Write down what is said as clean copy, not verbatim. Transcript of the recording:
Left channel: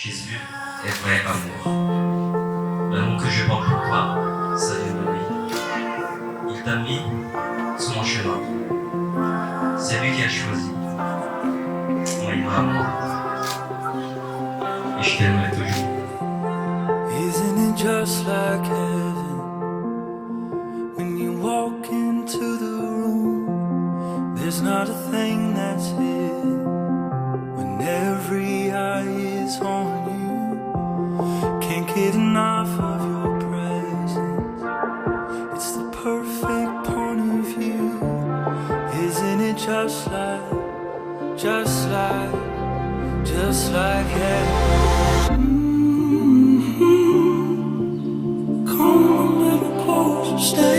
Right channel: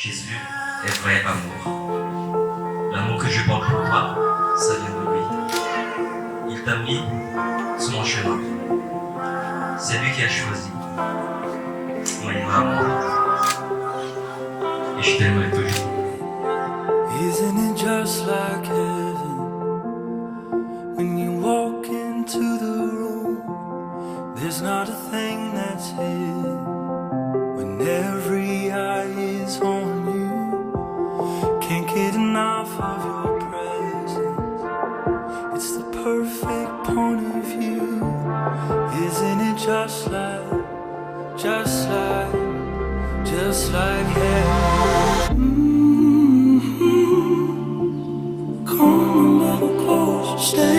Jésus est vrai amour. L'amour que je porte pour toi, ça vient de lui. Il t'a mis sur mon chemin. C'est lui qui a choisi. Maeva, amour. Et je t'aimerai toujours. Isn't it just like heaven when you walk into the room? There's not a thing that's hidden when every eye is on you. Can't get enough of your presence. It's the perfect point of view. Isn't it just like heaven? Come a little closer, stay